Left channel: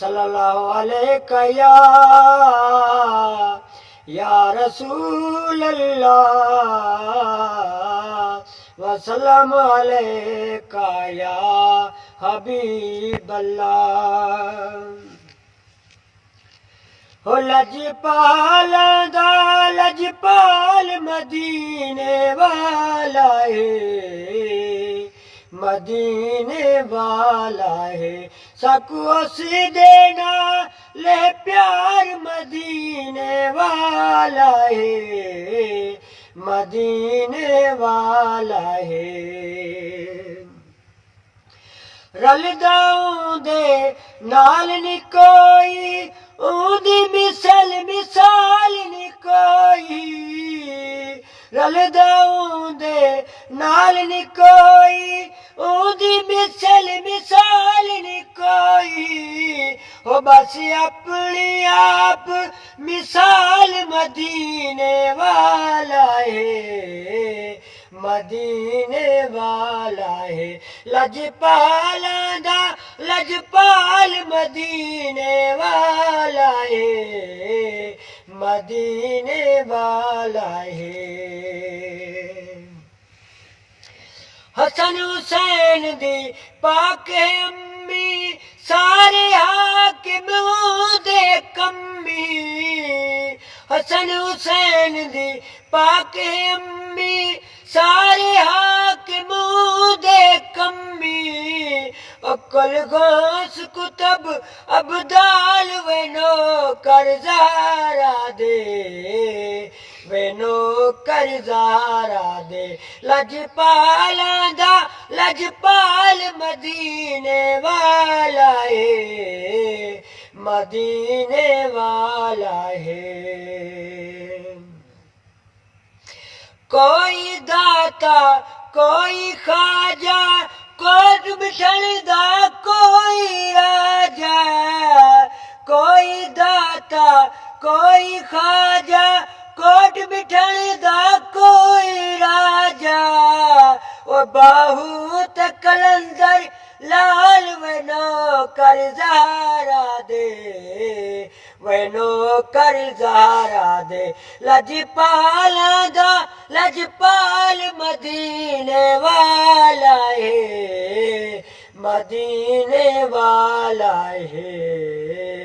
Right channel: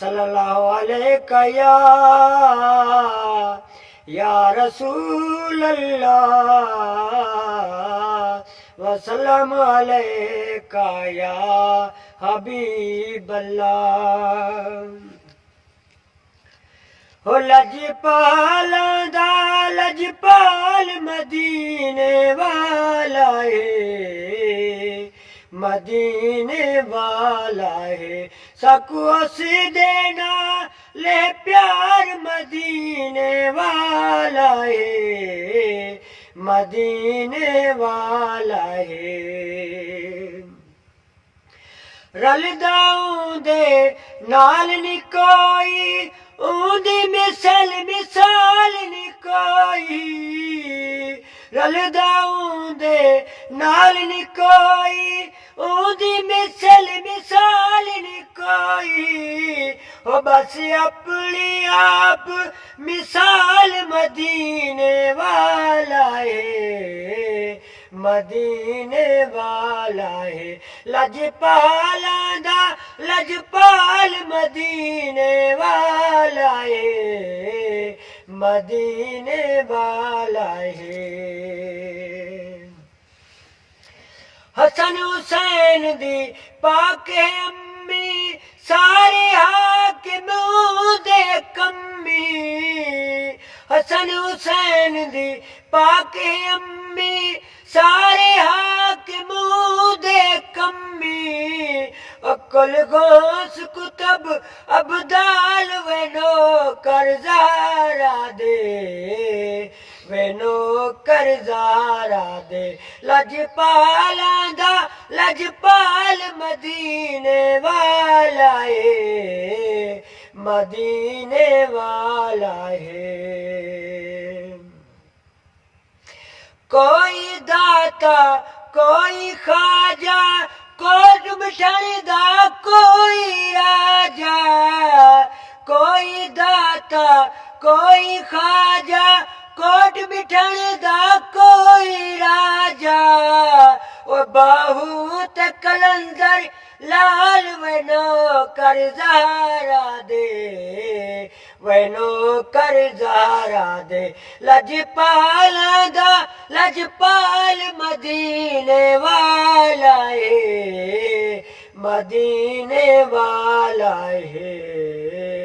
सल्लल्लाहु अलैहि या रसूल अल्लाह वसल्लम अलैका या हबीब अल्लाह। हो लजपाल दा लजपाल मदीने वाला है, मदीने वाला है। सकू अस देना ले प्यार मदीने वाला है, मदीने वाला है। रलदा दे नाल नी कोई, ऊंदी मिसल मिसाल नी कोई। रलदा दे नाल नी कोई, ऊंदी मिसल मिसाल नी कोई। हो बस अपनी आप मिसाल मदीने वाला है, मदीने वाला है। लजपाला दा लजपाल मदीने वाला है, मदीने वाला है। हसन हुसैन दी पाके अम्मी, सारे हाकिम दे कम्मी। हसन हुसैन दी पाके अम्मी, सारे हाकिम दे कम्मी। अकल गोस कुतब अबदाल वेनो करजारा दे, वेनो करजारा दे। लजपाला दा लजपाल मदीने वाला है, मदीने वाला है। कोई दाता कोई खाजा, कोट मिठण दा कोई राजा। कोई दाता कोई खाजा, कोट मिठण दा कोई राजा। ओ बाहू ते कलंदर लाल वेनो करजारा दे, वेनो करजारा दे। लजपाला दा लजपाल मदीने वाला है, मदीने वाला है।